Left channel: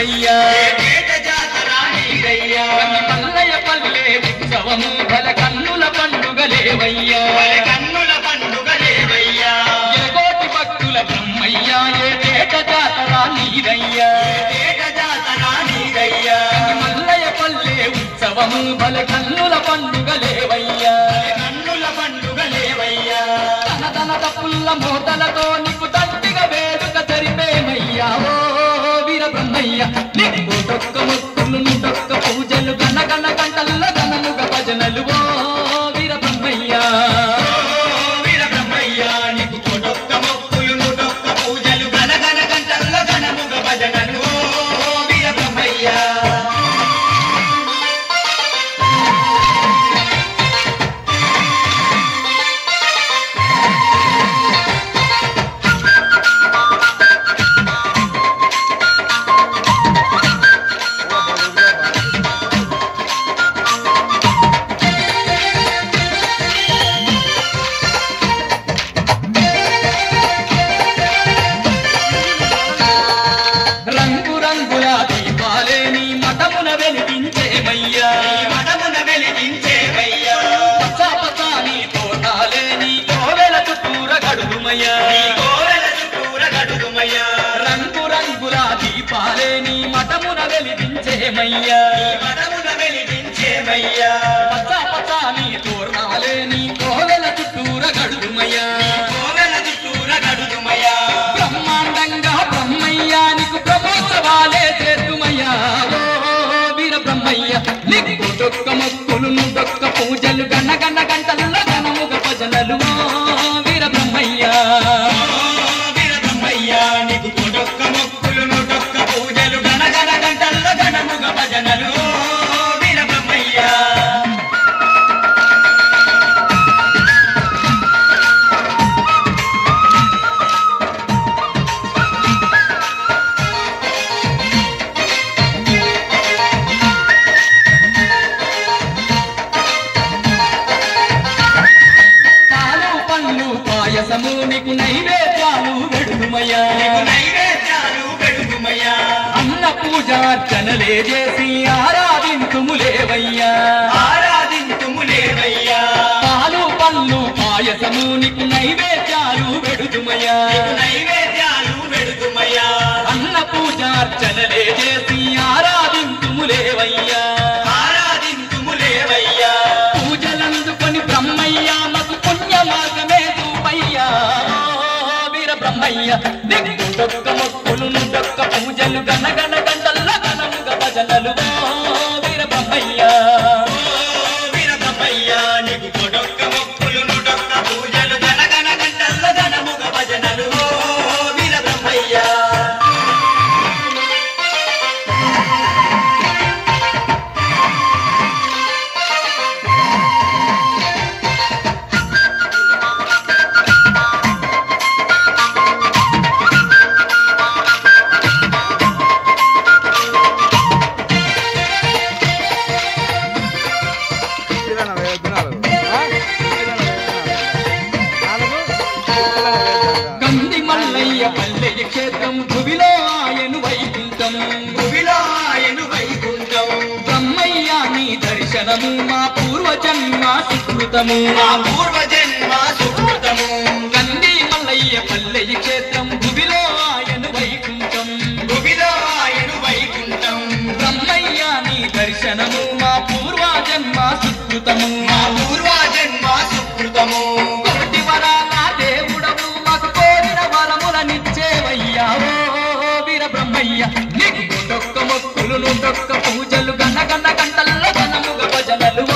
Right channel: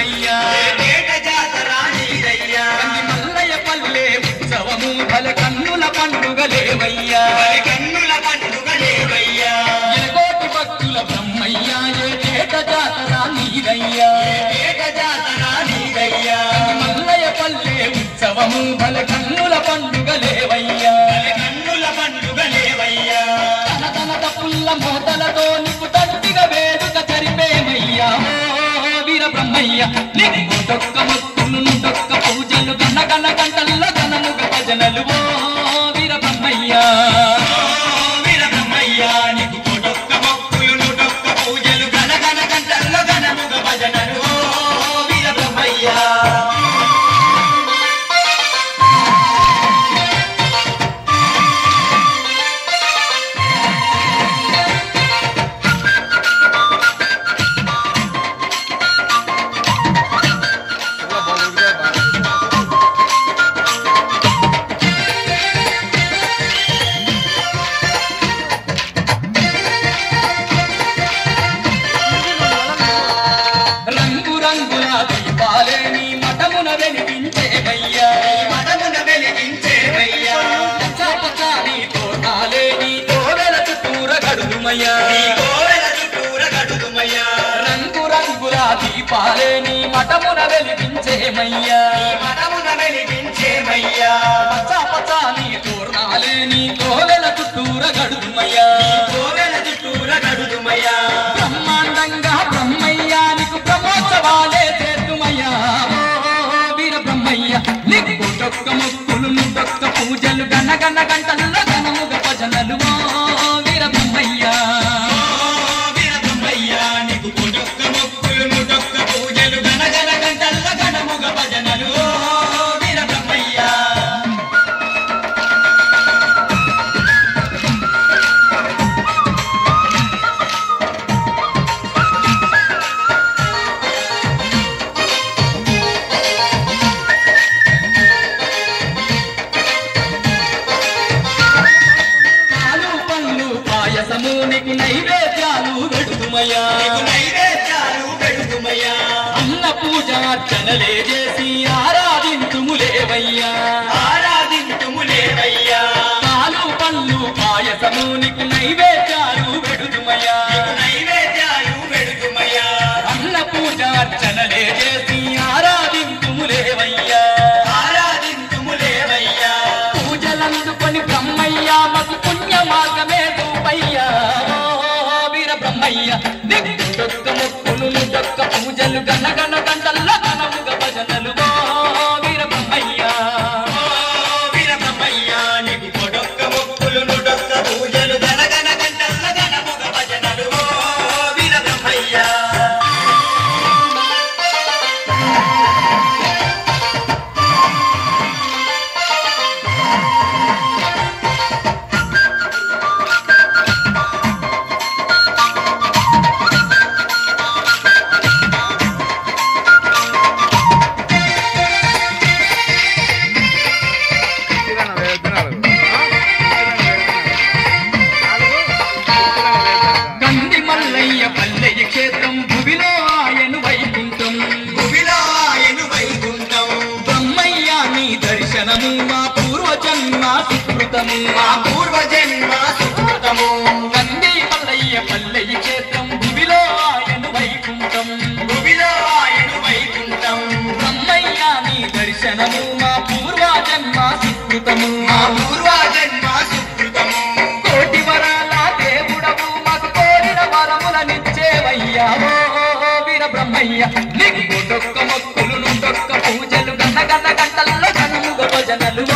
నీదయ్యా మల్లయ్య పల్లె ఉత్సవము బల కన్నుల పండుగలేవయ్యా ఎలగోటి భక్తుల బ్రహ్మయ్య ఏటేట జాతర నీదయ్యా మల్లయ్య పల్లె ఉత్సవము బల కన్నుల పండుగలేవయ్యా తన తన తప్పుల మోతలతో నీకు తండ్రిగా వేడుక జరిపేమయ్యా ఓ వీర బ్రహ్మయ్య నీకు డొక్క మొక్కులు డొక్క పూజలు గణ గణ గంటల్ల గణముగ భజనలు ఓ వీర బ్రహ్మయ్య నీకు డొక్క మొక్కులు డొక్క పూజలు గణ గణ గంటల్ల గణముగ భజనలు ఓ వీర బ్రహ్మయ్య రంగు రంగుల దీపాలే నీ మఠమున వెలిగించేవయ్యా పచ్చ పచ్చని తోటాలే నీ కోవెల చుట్టూర గడుదుమయ్యా రంగు రంగుల దీపాలే నీ మఠమున వెలిగించేమయ్యా పచ్చ పచ్చని తోరణాలే నీ కోవెల చుట్టూర గడుదుమయ్యా బ్రహ్మాండంగా బ్రహ్మయ్యా నీకు బ్రహ్మోత్సవాలే చేతుమయ్యా వీర బ్రహ్మయ్య నీకు డొక్క మొక్కులు డొక్క పూజలు గణ గణ గంటల్ల గణముగ భజనలు వీర బ్రహ్మయ్య నీకు డొక్క మొక్కులు డొక్క పూజలు గణ గణ గంటల్ల గణముగ భజనలు వీర బ్రహ్మయ్య పాలు పండ్లు పాయసము నీకు నైవేద్యాలు పెడుదుమయ్యా అన్న పూజార్చనలే చేసి ఆరాధింతుములేవయ్యా పాలు పండ్లు పాయసము నీకు నైవేద్యాలు పెడుదుమయ్యా అన్న పూజార్చనలే చేసి ఆరాధింతుములేవయ్యా పూజలందుకొని బ్రహ్మయ్య మగు పుణ్యమార్గమే చూపయ్యా వీర బ్రహ్మయ్య నీకు డొక్క మొక్కులు డొక్క పూజలు గణ గణ గంటల్ల గణముగ భజనలు వీర బ్రహ్మయ్య నీకు డొక్క మొక్కులు డొక్క పూజలు గణ గణ గంటల్ల గణముగ భజనలు వీర బ్రహ్మయ్య గంది మల్లయ్య పల్లెయ క్షేత్రం భువిలో ఆయను వైకుంఠం బ్రహ్మయ్య నీ దర్శనము మా పూర్వజన్మ సుకృతము గంది మల్లయ్య పల్లెయ క్షేత్రం భువిలో ఆయను వైకుంఠం బ్రహ్మయ్య నీ దర్శనము మా పూర్వజన్మ సుకృతము కోటి వరాల దేవుడవు మాకు కోరిన వరములనిచ్చేవయ్యా వీర బ్రహ్మయ్య నీకు డొక్క మొక్కులు డొక్క పూజలు గణ గణ గంటల్ల గణముగ భజనలు